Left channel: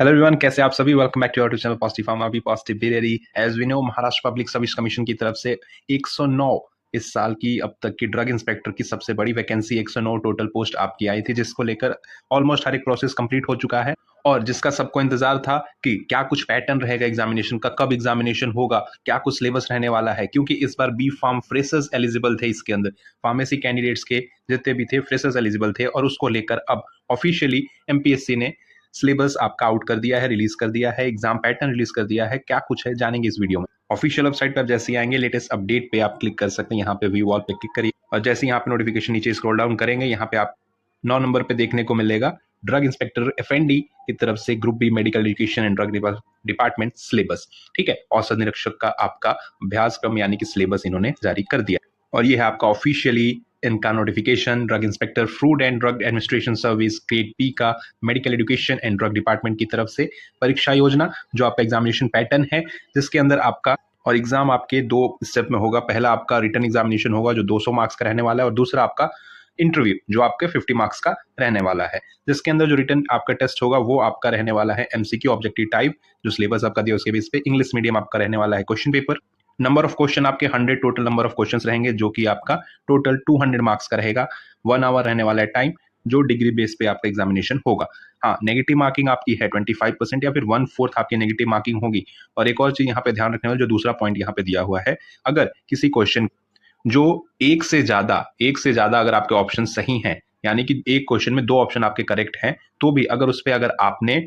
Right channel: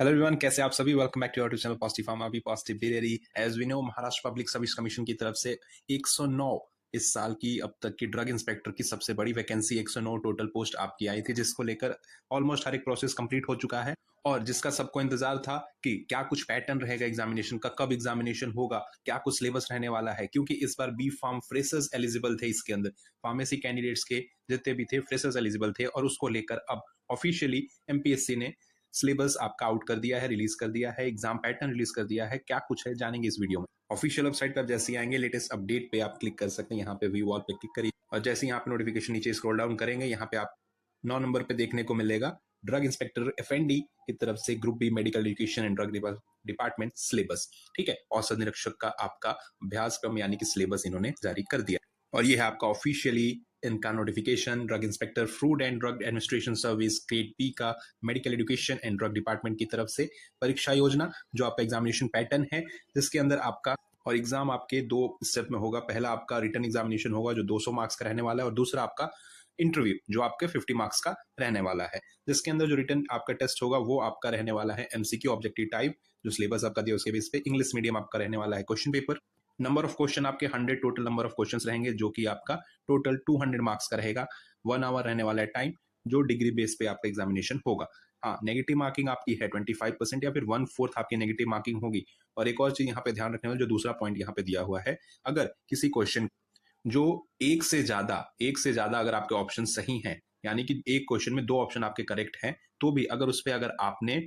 Hello everyone, कैसे आप सभी। Welcome back to our channel positive pharma be positive बिरेरी। As we know, Maharashtra public service commission की तरफ से 109 इस साल की अब तक की ड्रग इंस्पेक्टर की सबसे बड़ी वैकेंसी 109 टोटल पोस्ट आपकी आई थी, जिसको लेकर ऑलमोस्ट हर एक प्रोसेस कंप्लीट हो चुका है और जिसका सबको इंतजार था कि क्या कुछ पैटर्न रहेगा एग्जामिनेशन का, कब एग्जामिनेशन होगा, क्या कुछ सिलेबस रहने वाला है। क्योंकि इस बार बी फार्म फ्रेशर्स एलिजिबल थे, इसके अंदर फार्मेसी कैंडिडेट्स के जितने भी थे फ्रेशर्स एलिजिबल थे और उसको लेकर अब ऑफिशियली एमपीएससी ने सिलेबस आपका आउट कर दिया है, रिलीज कर दिया है, एग्जाम पैटर्न रिलीज कर दिया है। क्या कुछ है जानेंगे इस वीडियो में। ऑफिशियल वेबसाइट पर जैसे ही आएंगे लेटेस्ट अपडेट पे आप क्लिक कर सकते हैं, यहाँ पे व्यू ऑल पे क्लिक करिए और जैसे यहाँ पे नोटिफिकेशन नीचे स्क्रॉल डाउन करेंगे, यहाँ पे आप 9 नंबर पे देखने को मिलेगा ड्रग इंस्पेक्टर एफएनडी की तरफ से group B medical education and drug department syllabus. ठीक है, औसत निरीक्षक का आपका अभ्यासक्रम यानी कि सिलेबस इन्होंने जारी कर दिया और ये है आपका ऑफिशियली इनका notification drug inspector food and drug administration service grade P का medical education and drug department की तरफ से परीक्षा योजना, जो आपका एग्जामिनेशन पैटर्न है, जिसके अंदर आपका और एग्जाम आपके 2 स्टेप में होगा। पहला आपका रिटन एग्जामिनेशन होगा जो 200 मार्क्स का रहने वाला है और दूसरा आपका इंटरव्यू जो आपके 50 मार्क्स का रहने वाला है, जिसके अंदर जो रिटन आपका टेस्ट होगा वो आपका रहने वाला है एमसीक्यू ऑब्जेक्टिव टाइप, जो सिलेबस आपका दिया उसके बेस पे इंग्लिश मीडियम आपका रहने वाला है question paper. Number of question आपके 100 टोटल नंबर ऑफ क्वेश्चंस रहेंगे, जो कि आपका टोटल 200 मार्क्स का रहेगा। 1 आवर रहने वाला है टाइम, जो डिग्री बेस पे आपका एग्जामिनेशन होगा। हाँ, नेगेटिव मार्किंग आपकी है 25% या फिर 1/4 आपकी नेगेटिव मार्किंग होगी। और एक और चीज यहाँ पे ध्यान रखने वाला, जो दूसरा पॉइंट यहाँ पे दिया हुआ है, अगर किसी क्वेश्चन जो एक से ज्यादा अगर आपके ऑप्शन सही हैं, यानी कि एक क्वेश्चन में 2 ऑप्शन आपके करेक्ट हैं, तो भी अगर उस पे अगर आपने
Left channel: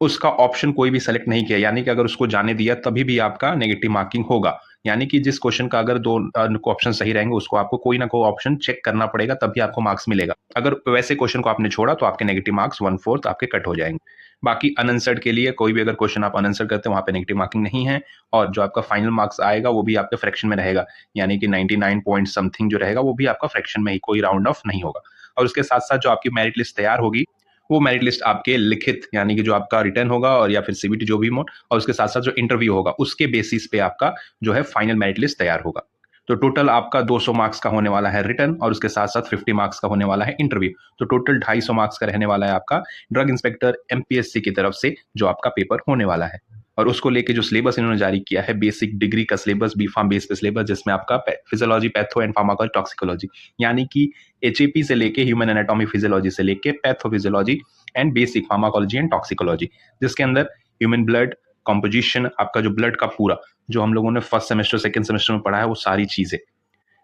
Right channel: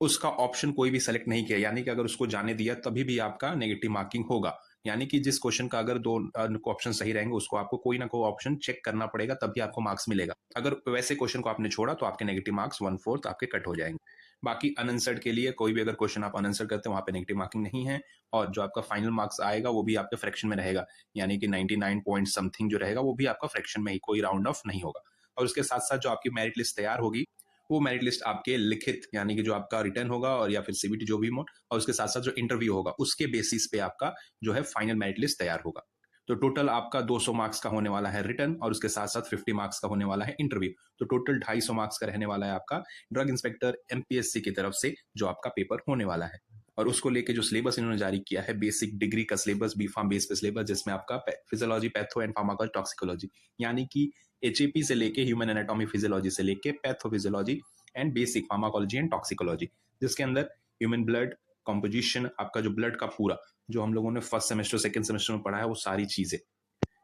उसका ऑप्शन कोई भी सेलेक्ट नहीं किया, यानी कि अगर उसको जाने दिया, तभी भी आपका नेगेटिव मार्किंग होगा। यानी कि जिस क्वेश्चन का अगर 2 ऑप्शन सही रहेंगे, उसको आपको कोई ना कोई ऑप्शन चेक करना पड़ेगा, तभी आपको मार्क्स मिलेगा। अगर वैसे क्वेश्चन को आपने छोड़ा तो आपके नेगेटिव मार्क्स 1/4 आपके कट हो जाएंगे। बाकी अनआंसर्ड के लिए कोई भी अगर क्वेश्चन आप अनआंसर करते हैं, वहां पे नेगेटिव मार्किंग नहीं है और जो आपका फाइनल मार्क्स आएगा वो भी आपके फ्रैक्शन में रहेगा, यानी कि 99 पॉइंट समथिंग जो रहेगा वो भी आपका फ्रैक्शन में ही, कोई राउंड ऑफ नहीं होगा। और उसके साथ साथ जो आपकी मेरिट लिस्ट तैयार होगी, वो मेरिट लिस्ट आपके लिखित यानी कि जो आपका रिटर्न होगा और या फिर सीबीटी जो भी मोड, और उसके साथ साथ जो इंटरव्यू होगा उसके बेसिस पे आपका जो है फाइनल मेरिट लिस्ट तैयार होगा। तो टोटल आपका 200 मार्क्स का होने वाला है रिटर्न और उसके साथ साथ 50 मार्क्स का होने वाला है इंटरव्यू। तो टोटल 250 मार्क्स का रहने वाला है आपका ड्रग इंस्पेक्टर एमपीएससी की तरफ से जो आपका पेपर होने वाला है। और उसको लेके जो सिलेबस इन्होंने जारी किया है, बेसिक डिग्री का सिलेबस, बी फार्म बेस पे सिलेबस, जिसमें आपका physiology, patho and pharmacology, toxicology, यानी कि एचएपी से लेके ह्यूमन एनाटॉमी फिजियोलॉजी से लेके pathophysiology and basic pharmacology and toxicology, जिसके अंदर ह्यूमन ब्लड कॉम्पोजिशन, आपका जो ब्लड का पूरा जो हम लोगों ने फर्स्ट सेमेस्टर सेकंड सेमेस्टर में पढ़ा है, वो सारी चीजें,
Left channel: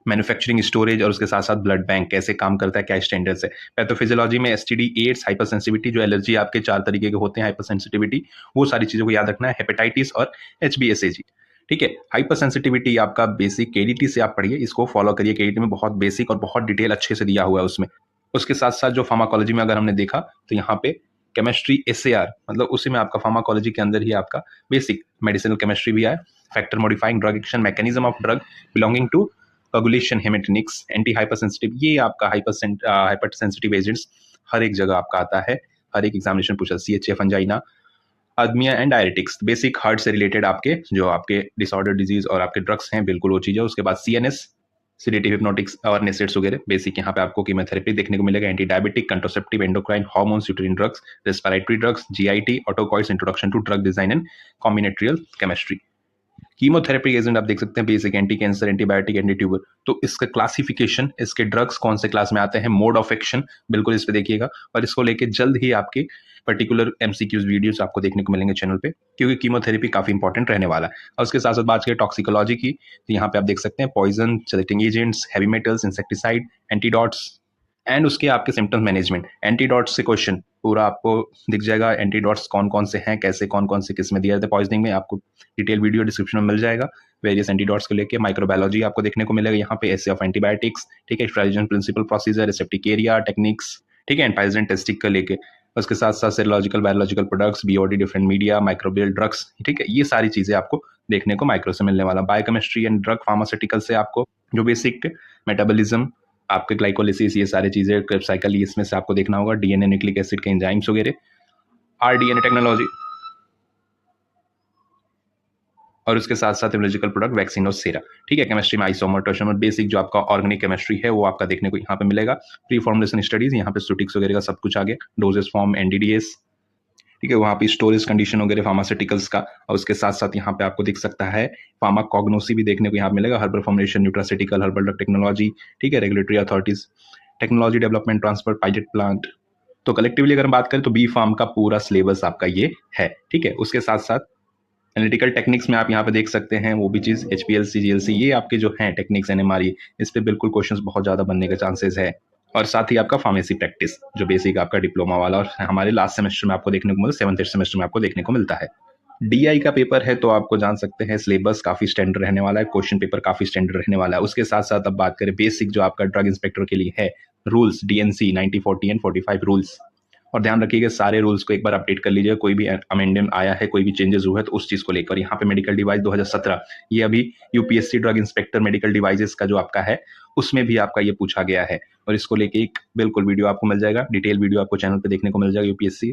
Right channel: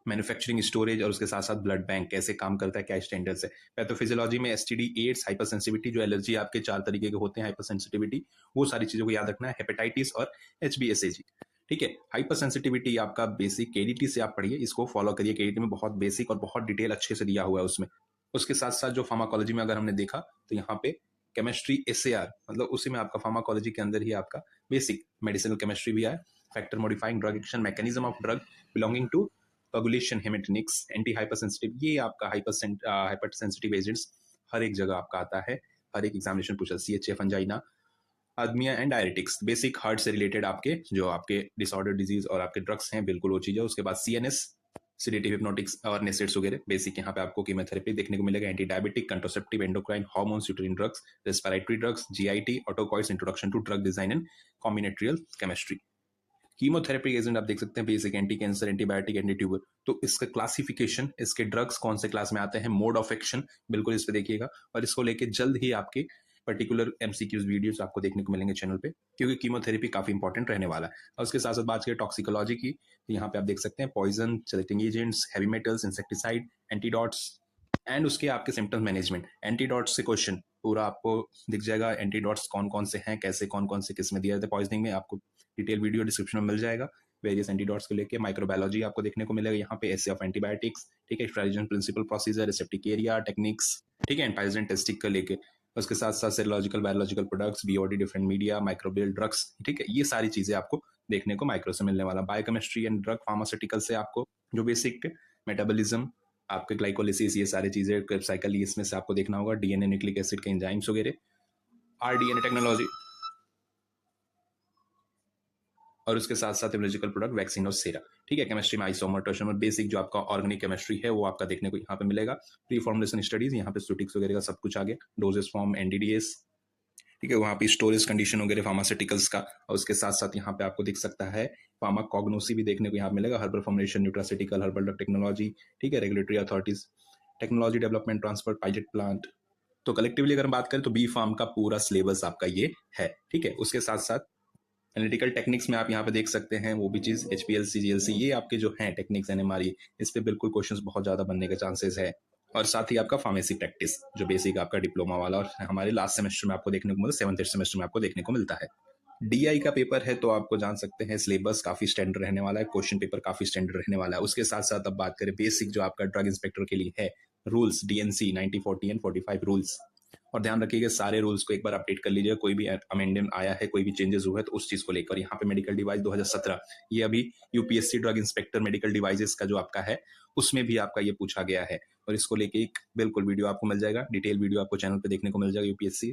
मैन्युफैक्चरिंग, स्टोरेज और उसके साथ साथ ब्लड बैंक कैसे काम करता है, क्या स्टैंडर्ड्स है। पैथोफिजियोलॉजी में एसटीडी, एड्स, हाइपर सेंसिटिविटी, जो एलर्जी आपके 4 तरीके के होते हैं, हाइपर सेंसिटिविटी, वो सारी चीजों को याद रखना है। हेपेटाइटिस और एचबीएसएजी। ठीक है, हाइपर सेंसिटिविटी आपका बेसिक केडीटी से आप पढ़िए, इसको फॉलो करिए। केडीटी में बहुत बेसिक और बहुत डिटेल अच्छे से दिया हुआ है उसमें। उसके साथ साथ जो फार्माकोलॉजी में अगर हमने देखा तो यहाँ पे केमिस्ट्री एसएआर, मतलब उसी में आपका फार्माकोलॉजी के अंदर ही आपका बेसिक मेडिसिनल केमिस्ट्री भी है। Factor modifying drug action, mechanism of drug belonging to coagulation, haematinics, anti hypersensitive, ये आपका हाइपर सेंसिटिव एजेंट्स हर एक जगह आपका आता है, हर एक एग्जामिनेशन पूछा। सीएचएफ, अंजाइना, आदमिया एंड डायरेटिक्स, बेसिक हार्ट से रिलेटेड आपके जो आपके डिसऑर्डर डिजीज और आपके ड्रग्स हैं, बिल्कुल वो चीज़ है। उसके बाद सीएनएस, सिडेटिव, हिप्नोटिक्स और नेसेट्स वगैरह बेसिक यहाँ पे आपको कीमोथेरेपी देखने को मिलेगा। Anti diabetic, contraceptive, endocrine, hormones, uterine drugs, respiratory drugs, GIT, autocoids, introduction to drug design and combinatorial chemistry. Chemotherapy agent आप देख सकते हैं, basic anti cancer, antibiotic, anti tuber. तो इसका क्लासिफिकेशन, इसके ड्रग्स कौन से क्लास में आते हैं, मोड ऑफ एक्शन, बिल्कुल इस पे देखिएगा। और इसको लेके जल्द ही आपके पर्टिकुलर एमसीक्यूज वीडियोस आपको देखने को मिलेंगे चैनल पे, क्योंकि कीमोथेरेपी काफी इंपॉर्टेंट रहने वाला है। और उसके साथ साथ बात करें टॉक्सिकोलॉजी की, तो यहाँ पे आप देख सकते हैं poison, chelating agents, heavy metals, insecticide, antidotes and उसके आपके सिम्टम्स मैनेजमेंट। एंटीडॉट्स से क्वेश्चन पूरा आपको दिख जाएगा, एंटीडॉट्स कौन कौन से हैं, कैसे कौन कौन से किस में दिया जाता है पॉइजनिंग में, आपको डिटेल वीडियो डिस्क्रिप्शन में मिल जाएगा। वेरियस एंटीडॉट्स को लेके माइक्रोबायोलॉजी आपको देखने को मिलेगा यहाँ पे, एसे ऑफ एंटीबायोटिक्स, ठीक है, स्ट्रेटजन, प्रिंसिपल, प्रोसीजर, रिसेप्टिक एरिया, टेक्निक्स, ठीक है, एंड पाइजन टेस्टिक का लेके। उसके साथ साथ serological, biological products, BOD, different media, microbial drugs, ठीक है, ये सारी चीजें आपको देखने को माइक्रो से मिलने वाला। बायोकेमिस्ट्री एंड ड्रग फार्मास्यूटिकल से आपको जो बेसिक मेटाबॉलिज्म, आपके ग्लाइकोलिसिस, ये सारी चीजें, क्रेब साइकिल, इसमें से आपको देखना होगा। डीएनए, न्यूक्लिक एसिड के एंजाइम्स वगैरह, आरडीएनए टेक्नोलॉजी, और उसके साथ साथ इम्यूनोलॉजिकल प्रोडक्ट, वैक्सीन और सेरा, ठीक है। केमिस्ट्री में आइसोमर, टोशोमर, बेसिक जो आपका ऑर्गेनिक केमिस्ट्री है वो आपका देखने को यहाँ पे मिलेगा। प्री फॉर्मुलेशन स्टडीज, यहाँ पे स्टूटिक्स वगैरह का सब कुछ आ गया। डोजेस फॉर्म, एनडीडीएस, ठीक है, वहाँ पे स्टोरेज कंडीशन वगैरह फार्मास्यूटिकल्स का, और उसके साथ साथ यहाँ पे आपको दिख सकता है फार्माकोग्नोसी भी देखने को यहाँ मिलेगा, herbal formulation, nutraceutical, herbal drug technology, ठीक है, regulatory authorities, technology development, transfer, pilot plant. तो कलेक्टिवली अगर हम बात करें तो बी फार्म का पूरा सिलेबस आपका ये है। ठीक है, उसके साथ साथ एनालिटिकल टेक्निक्स में आप यहाँ पे देख सकते हैं वो भी चीज़, HPLC, GLC, ये आपके जो हैं टेक्निक्स, NMRE, इस पे बिल्कुल क्वेश्चंस बहुत ज़्यादा बनने के चांसेस है। और साथ ही आपका फार्मेसी प्रैक्टिस जो बेसिक आपका डिप्लोमा वाला, और हमारे लास्ट सेमेस्टर में आपको देखने को मिलता है, 7th सेमेस्टर में आपको देखने को मिलता है। DI का पेपर है तो आपको जान सकते हैं सिलेबस काफ़ी स्टैंडर्ड रहने वाला है, क्वेश्चन पेपर काफ़ी स्टैंडर्ड रहने वाला है। उसके साथ साथ अब बात करें बेसिक जो आपका ड्रग इंस्पेक्टर के लिए है, रूल्स, DNC 90, 40 एंड 45 रूल्स। और ध्यान रखिएगा सारे रूल्स को एक बार अपडेट कर लीजिए, कोई भी अमेंडमेंट आया है, कोई भी चेंजेस हुए हैं तो उस चीज़ को लेकर। यहाँ पे मेडिकल डिवाइस 2017, ये अभी UPSC drug inspector medical devices का जो आपका है उसमें भी आपका ये पूछा गया है, और इसको लेके एक बिल्कुल वीडियो आपको मिल जाएगा, डिटेल वीडियो आपको चैनल पे देखने को मिल जाएगा। UPSC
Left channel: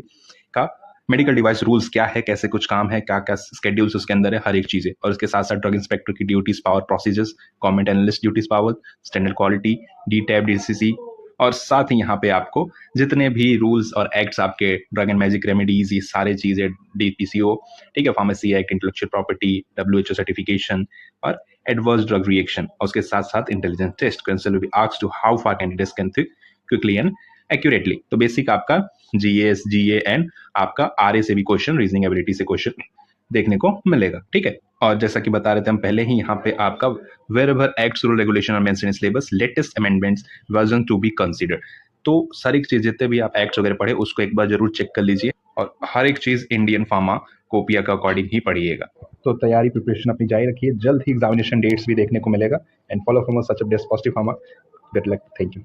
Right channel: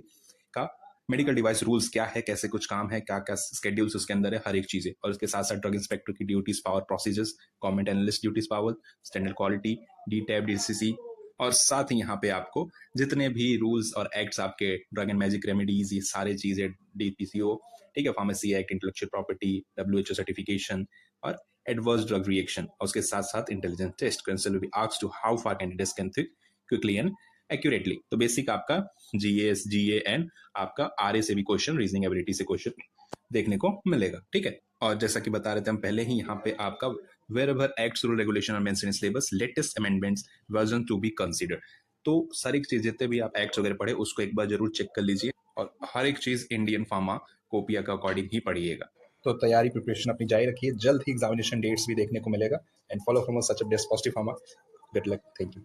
का मेडिकल डिवाइस रूल्स क्या है, कैसे कुछ काम है, क्या क्या स्केड्यूल्स उसके अंदर है, हर एक चीज़ें। और इसके साथ साथ ड्रग इंस्पेक्टर की duties, power, procedures, government analyst duties, power, standard quality, DTAB, DCC, और साथ ही यहाँ पे आपको जितने भी रूल्स और एक्ट्स आपके ड्रग एंड मैजिक रेमेडीज, ये सारे चीज़ें, DPCO, ठीक है, pharmacy act, intellectual property, WHO certification, और एडवर्स ड्रग रिएक्शन, और उसके साथ साथ intelligence test, cancel will be asked to how far candidates can think quickly and accurately. तो बेसिक आपका GS, GA एंड आपका RA से भी क्वेश्चन, रीजनिंग एबिलिटी से क्वेश्चन देखने को मिलेगा। ठीक है, और जैसा कि बता रहे थे हम पहले ही, यहाँ पे आपका वेरेवर एक्ट्स, रूल, रेगुलेशन और mention in syllabus, latest amendments, version to be considered. तो सारी चीज जितने भी आप एक्ट्स वगैरह पढ़े उसको एक बार जरूर चेक कर लीजिए, और हर एक चीज इंडियन फार्मा कोपिया के अकॉर्डिंग ही पढ़िएगा। तो तैयारी प्रिपरेशन अपनी जारी रखिए, जल्द ही एग्जामिनेशन डेट्स भी देखने को मिलेगा। And follow from such a best positive pharma. Good luck, thank you.